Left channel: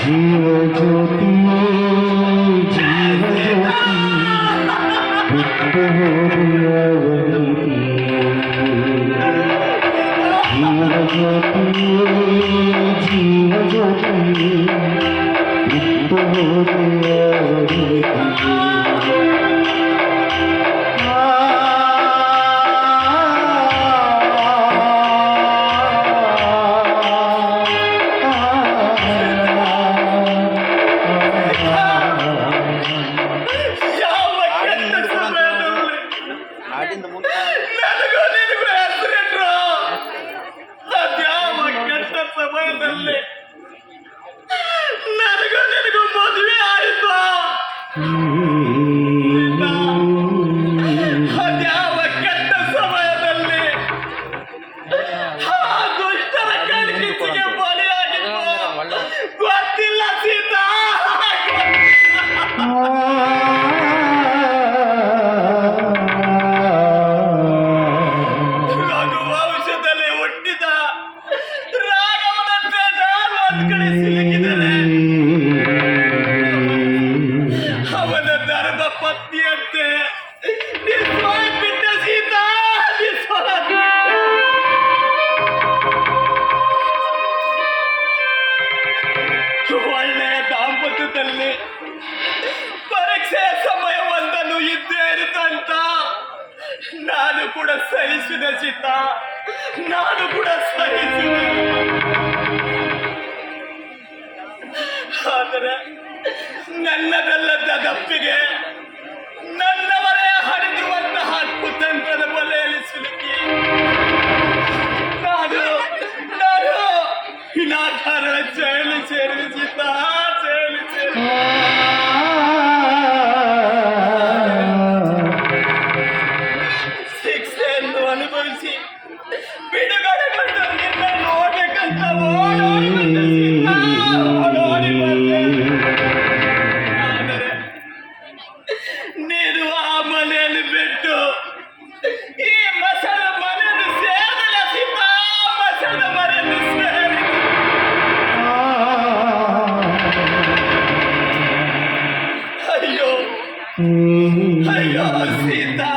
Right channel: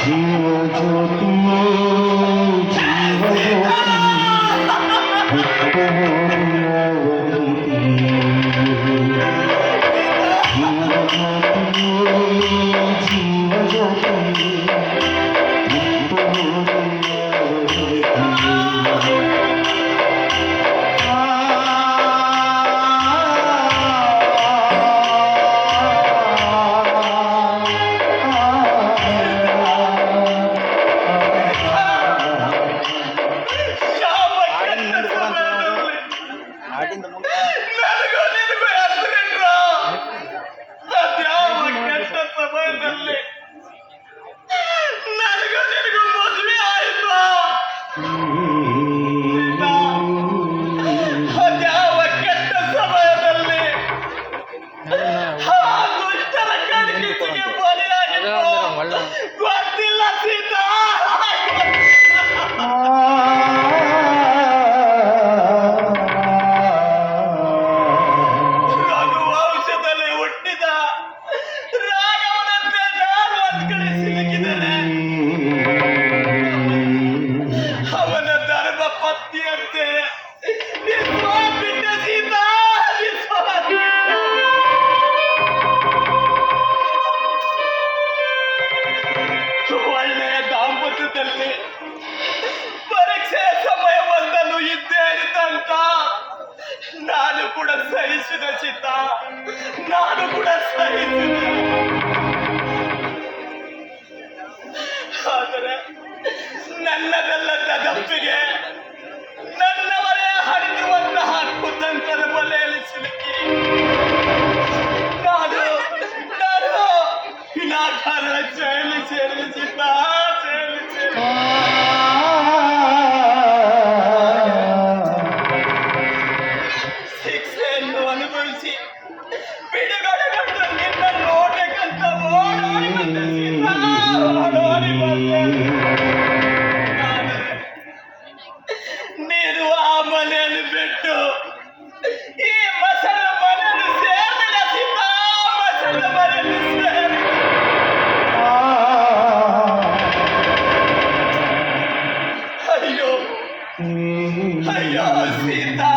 জীবজ্যোতি জীবজ্যোতি বিদ্যহরিয়বন্তি জীবজ্যোতি জীবজ্যোতি ನದ್ಗೋ ನಿನ್ಗೆ ಹತ್ತು ಹೇಳ್ರಾ ಸದ್ಯ ಮಕ್ಕಳಷ್ಟು ಸಮಯದಲ್ಲಿ ನದಗ ನಿನ್ಗೆ ಮೊದ್ಲೇ ಆಯ್ತು? ನನ್ನ ಧರ್ಮಪ್ಪ ಪತ್ನಿಯಂತೆ ಬಿಟ್ಟ ಸೀತಾ ಒಳ್ಳೆಯ ದಾಂಪತ್ಯದಲ್ಲಿ ಪರೀಕ್ಷೆಯ ಸಮಯ ಬಂದಲು ಇದ್ದೇ ಇರುತ್ತಂತ ನಾನು ಕೂಡ ಸಹಿಸಿದ Sita Six and one, Brucey. Hayasita.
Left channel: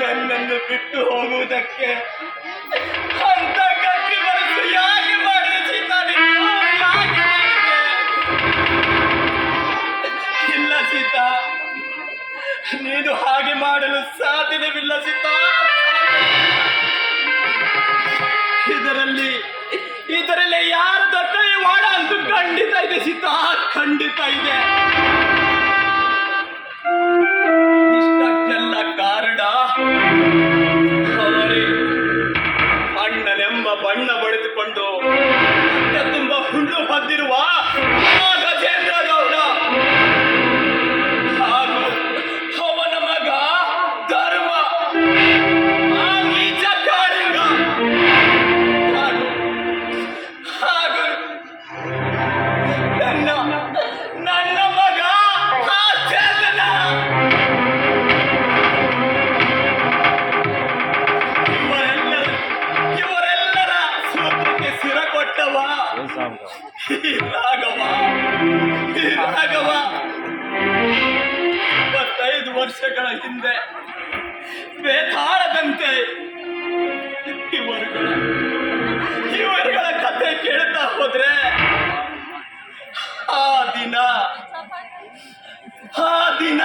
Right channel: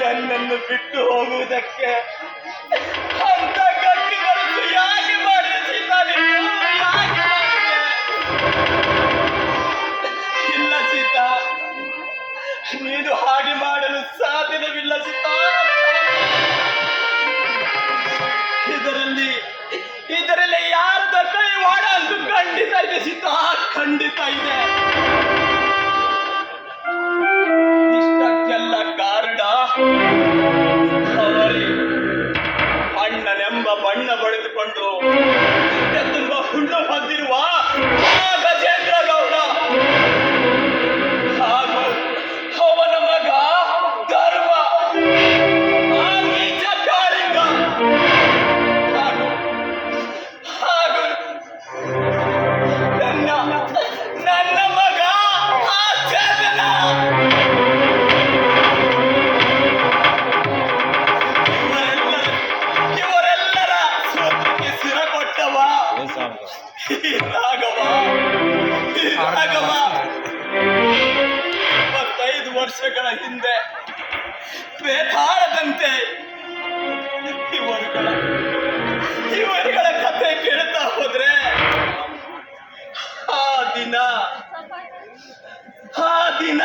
ನನ್ನನ್ನು ಬಿಟ್ಟು ಹೋಗುವುದಕ್ಕೆ ರಾಘವ ರಾಘವ. ಇಪ್ಪತ್ತೈದು ವರ್ಷಗಳ ಹಿಂದೆ ಬೇತಾಳದಂತೆ ಇವರುಗಳ ಇವರುಗಳ ಕತೆ ಕೇಳ್ತಾ ಹೋದ್ರೆ ಆ ದಿನ ಆ ದಿನ